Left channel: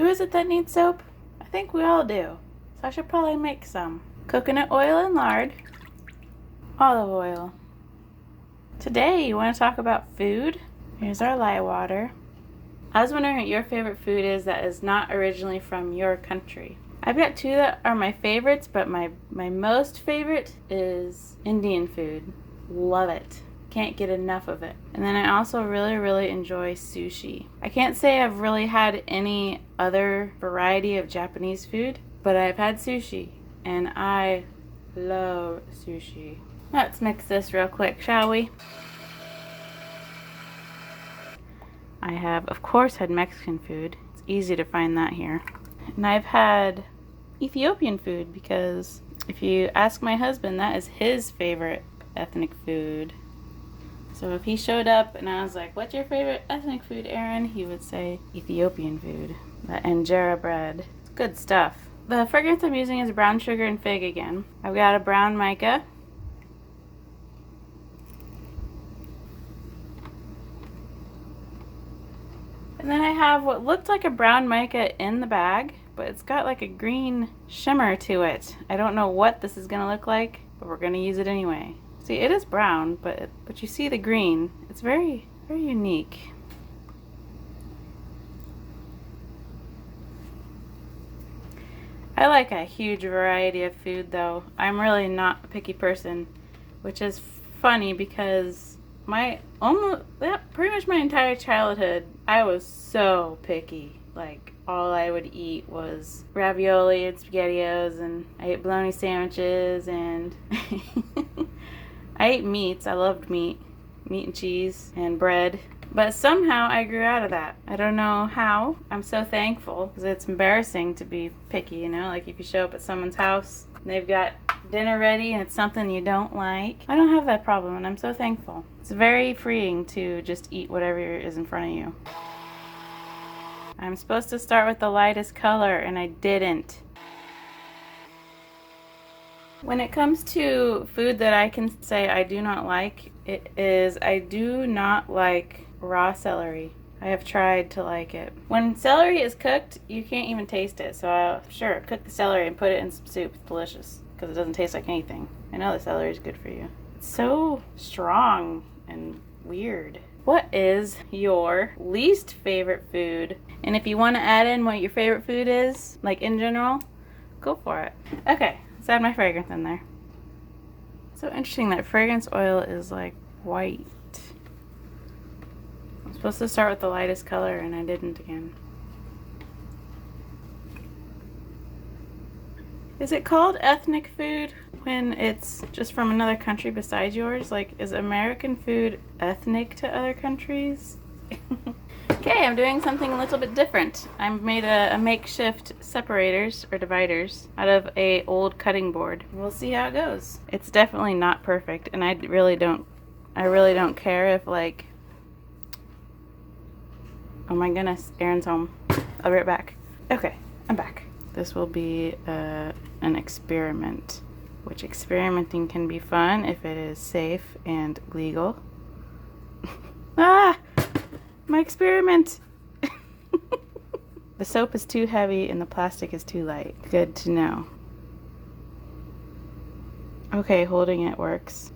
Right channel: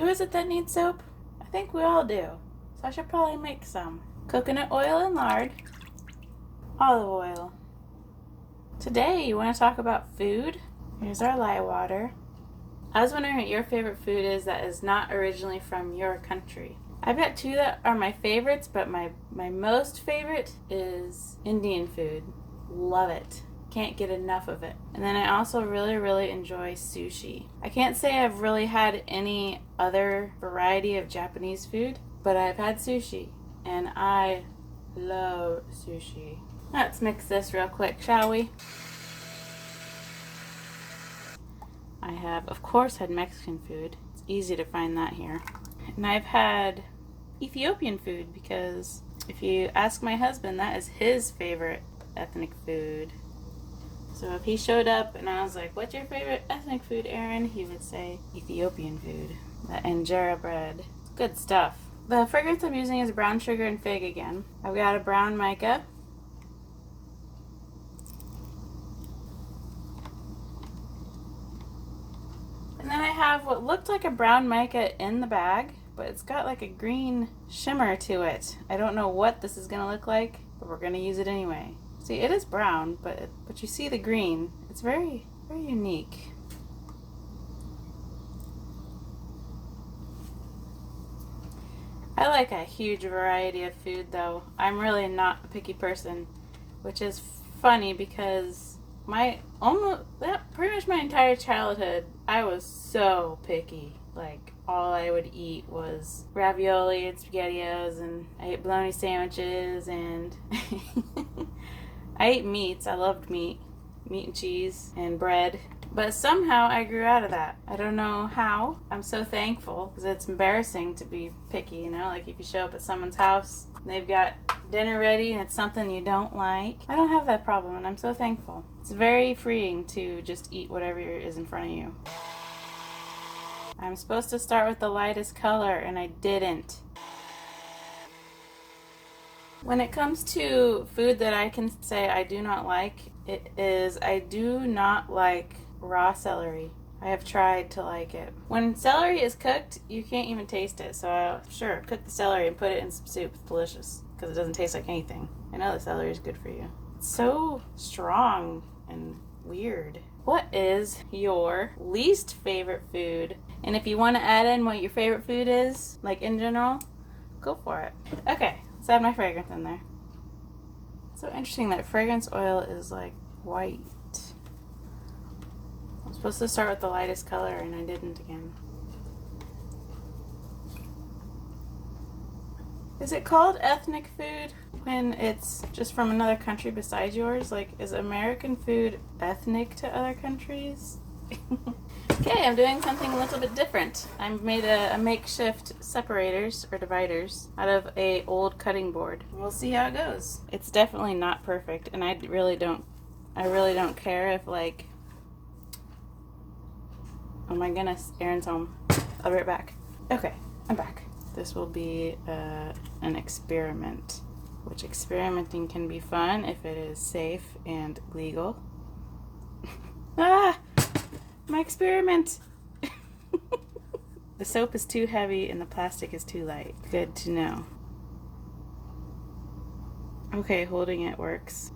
Who is it that needs soap? I think we all do. So I should probably make some. Coconut oil and lard. Olive oil. Today, you want to talk about food? Here's our lye water. I was wondering what your favorite food is that is not originally from your country. I've got two that are my favorites, but my most favorite is Indian food. Love it. Can't get enough of it. And then I also really enjoy sushi. I can't say I've really had any other variety of Japanese food, but I've had sushi, and I love sushi. Let's mix this real quick, shall we? I have, of course, had Mexican food. It's easy to find that here. And I've had Ethiopian food because if you ask my husband, that is his favorite ethnic food. So if he showed up and I was like, what's your favorite ethnic food, Aaron? He would say Ethiopian food. The injera bread. It's good stuff. The fragrance I'm using is brown sugar and fig again. I've got a brown mica. And then I have what looked like a brown mica in the bag, but it's got like a green shimmer to it. I don't know what this is going to look like, but we're going to use it anyway. See, it is brown, but you see the green. It's very unique. I like a huge variety of food, though. I'm really not a picky person, which is funny because pretty much my entire childhood, I was so picky. Like, all I would eat was ravioli and SpaghettiOs, and I ate bologna sandwiches, and I ate meats. I loved meat and cheese and bread. But somehow I grew out of that. I don't know how. I'm so thankful because it's embarrassing to be picky, you know? Like if you show up at someone's house and they've got dinner ready and it's something you don't like. I don't have that problem, and I'm so thankful. It's very freeing to just eat whatever is in front of you. I'm supposed to start with the lightest color, and I didn't. When it comes to food that I can say I do not like, I do not like raw celery. I have tried to like it. When celery is cooked, you can't even taste it. So sure, cook the celery and put it in some soup. It's delicious because it doesn't taste like anything. I know the celery is good for you. It's so strong and weird. What is your least favorite food? And if you want to add in what your favorite food is, like in general, go for it. Okay, let's add my fragrance in there. So interesting that fragrance oil is like white. I'm supposed to start with the lightest color and I didn't again. Is it called ethnic food when it's just from another country besides yours? Like, is American food ethnic to other countries? Okay, I'm doing something a little bit different. I made a makeshift separators or dividers out of a old cutting board. We'll see how it goes. It's definitely not perfect, and I really don't care if, like, oh my goodness, Aaron's home. I'll be right back. Okay, I'm back. This will be an experiment, which experimenting can be fun if it is safe and legal. Ah! My experiment! The soap is too heavy and the plastic is too light. Good to know. Okay, holding it works.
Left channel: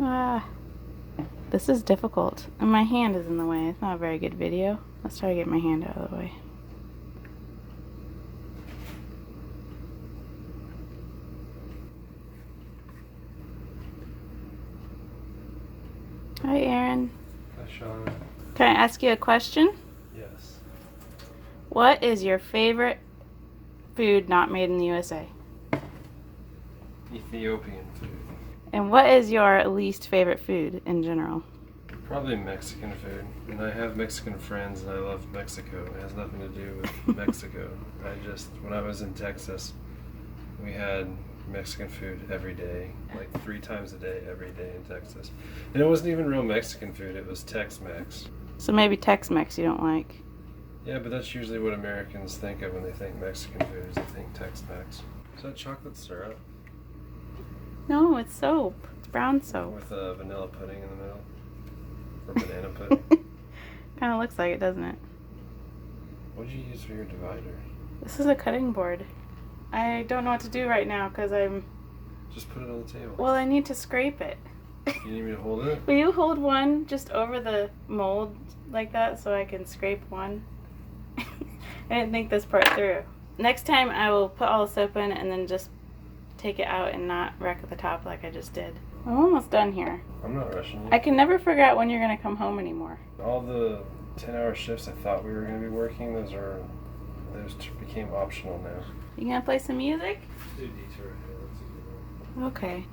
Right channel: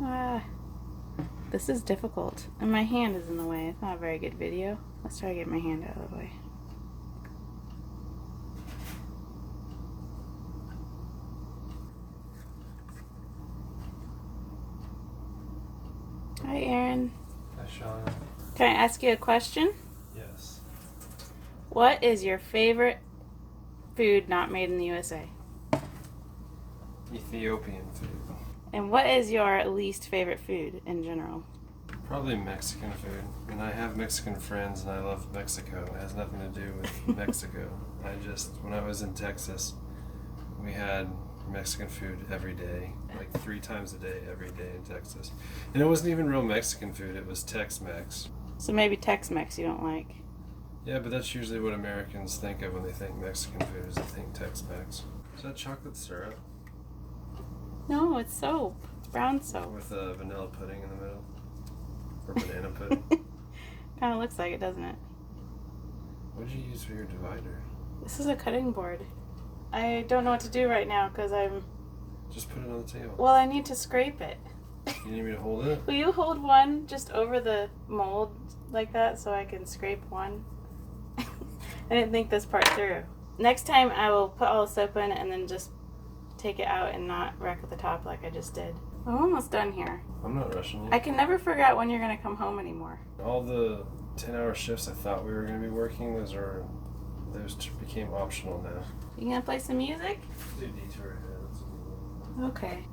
Ah! This is difficult. And my hand is in the way. It's not a very good video. Let's try to get my hand out of the way. Hi, Aaron. Hi, Sean. Can I ask you a question? Yes. What is your favorite food not made in the USA? Ethiopian food. And what is your least favorite food in general? Probably Mexican food. And I have Mexican friends and I love Mexico. It has nothing to do with Mexico. When I was in Texas, we had Mexican food every day, like 3 times a day, every day in Texas. And it wasn't even real Mexican food, it was Tex-Mex. So maybe Tex-Mex you don't like. Yeah, but that's usually what Americans think of when they think Mexican food, is they think Tex-Mex. Is that chocolate syrup? No, it's soap. It's brown soap. With a vanilla pudding in the middle? Or banana pudding? Kind of looks like it, doesn't it? What did you use for your divider? This is a cutting board. I don't know what to do right now because I'm... Just put it on the table. Well, I need to scrape it. You need me to hold it? Will you hold one just over the mold like that so I can scrape one? I didn't think this part through. Next time I will put all the soap in and then just take it out and not wreck the top like I just did. I'm almost done here. I'm not rushing you. I can never figure out when you're going to come home anymore. All the 10-hour shifts I thought we were going to be working, those became optional now. You going to play some music? Do Detour Ahead. That's a good one. Okay.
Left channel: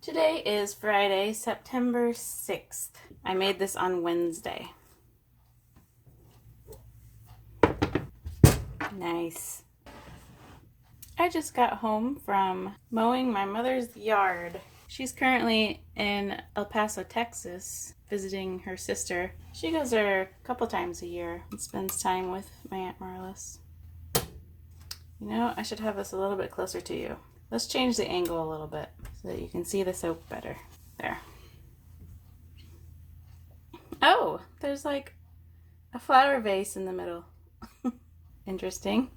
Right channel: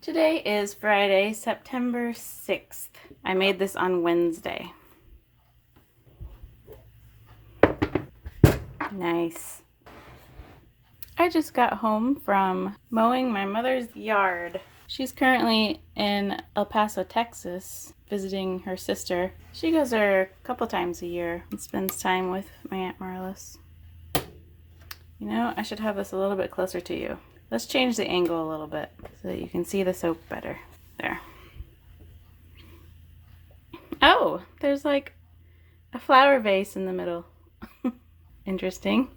Today is Friday, September 6th. I made this on Wednesday. Nice. I just got home from mowing my mother's yard. She's currently in El Paso, Texas, visiting her sister. She goes there a couple times a year and spends time with my Aunt Marlis. You know, I should have this a little bit closer to you. Let's change the angle a little bit so that you can see the soap better. There. Oh, there's like a flower vase in the middle. Interesting.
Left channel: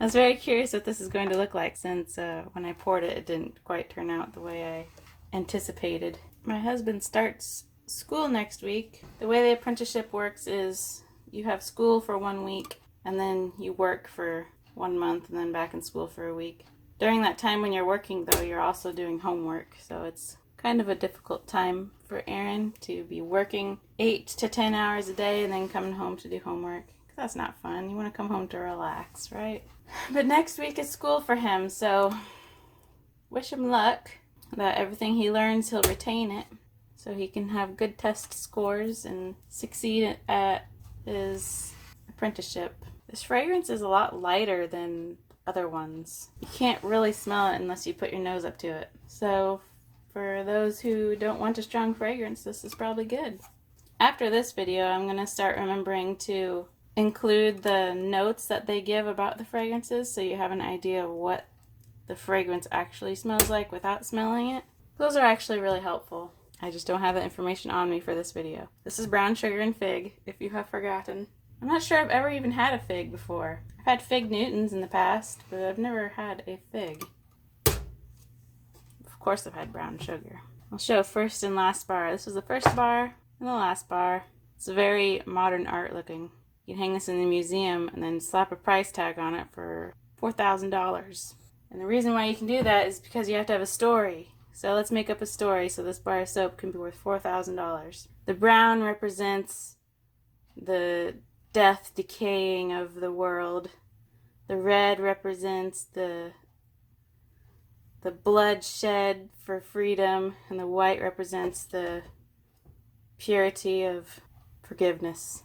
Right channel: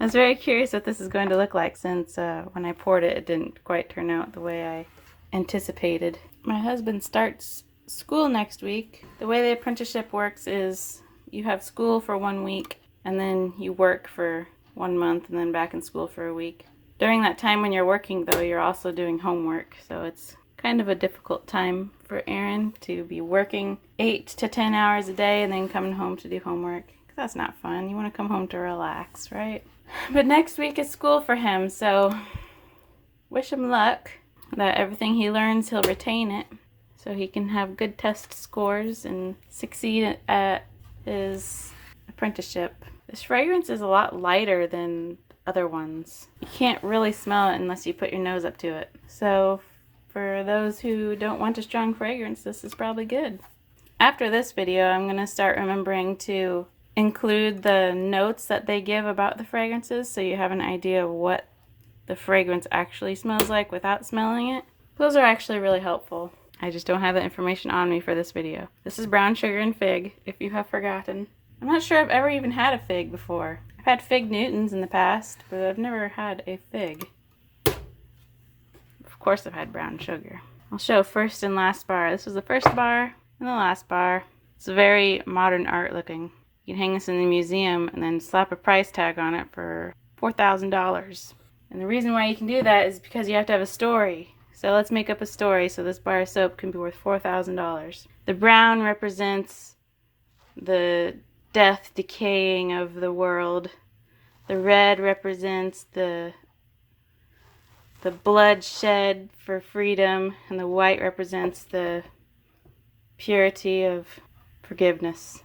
I was very curious what this is going to look like since when I poured it, it didn't quite turn out the way I anticipated. My husband starts school next week. The way the apprenticeship works is you have school for 1 week and then you work for 1 month and then back in school for a week. During that time when you're working, though, you're also doing homework, so it's kind of a difficult time for Aaron to be working 8 to 10 hours a day and then coming home to do homework. That's not fun. You want to come home to relax, right? But next week is school for him, so wish him luck that everything he learns, he'll retain it so he can have good test scores and succeed at his apprenticeship. This fragrance is a lot lighter than other ones. You can't really smell it unless you put your nose up to it. So for those who don't want a strong fragrance, this is probably good. After this video, I'm going to start remembering to include the notes that they give about the fragrances so you have an idea of what the fragrance actually smells like without smelling it. Those are actually really helpful. I just don't have the information on me for this video. This is brown sugar and fig, if you have forgotten. I'm not sure I've ever even had a fig before. I've had fig Newtons in the past, but I've never had a fig. Of course I've had brown sugar. I'll show first and last bar. This was the first bar and the last bar. It's very modern art looking. You can hang this in the museum and then slap a price tag on it for $4,000. And the reason why you can do that is because you have to have a story. So let's make up a story so this bar of soap can be worth $4,000. The brown represents the death, decaying of the world. The red represents the blood shed for freedom, and the white represents the purity of forgiveness.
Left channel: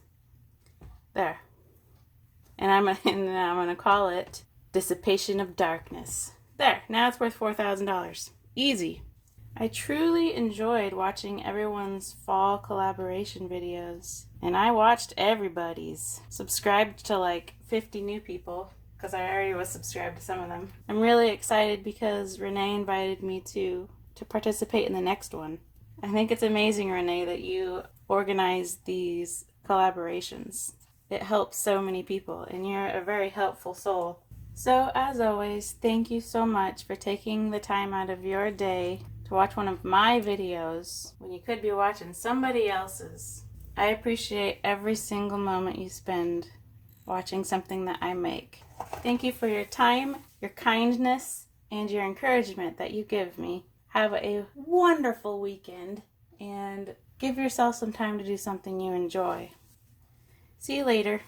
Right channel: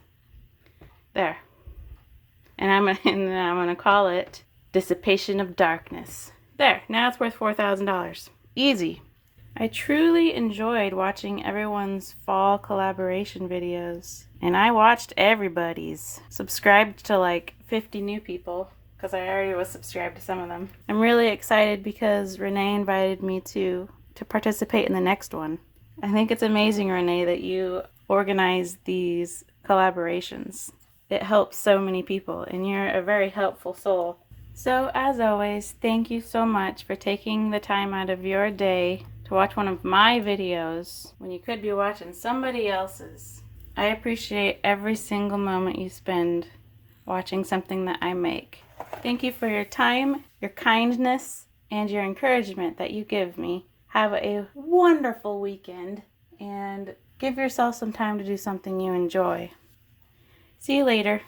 There. And I'm gonna call it Dissipation of Darkness. There. Now it's worth $4,000. Easy. I truly enjoyed watching everyone's fall collaboration videos. And I watched everybody's. Subscribed to like 50 new people, because I already was subscribed to some of them. I'm really excited because Renee invited me to participate in the next one. I think it's amazing, Renee, that you organize these collaborations. It helps so many people, and you're a very helpful soul. So, as always, thank you so much for taking the time out of your day to watch one of my videos when you could be watching somebody else's. I appreciate every single moment you spend watching something that I make. Thank you for your time, your kindness, and your encouragement that you give me. Have a wonderful weekend, and give yourself some time to do something you enjoy. See you later.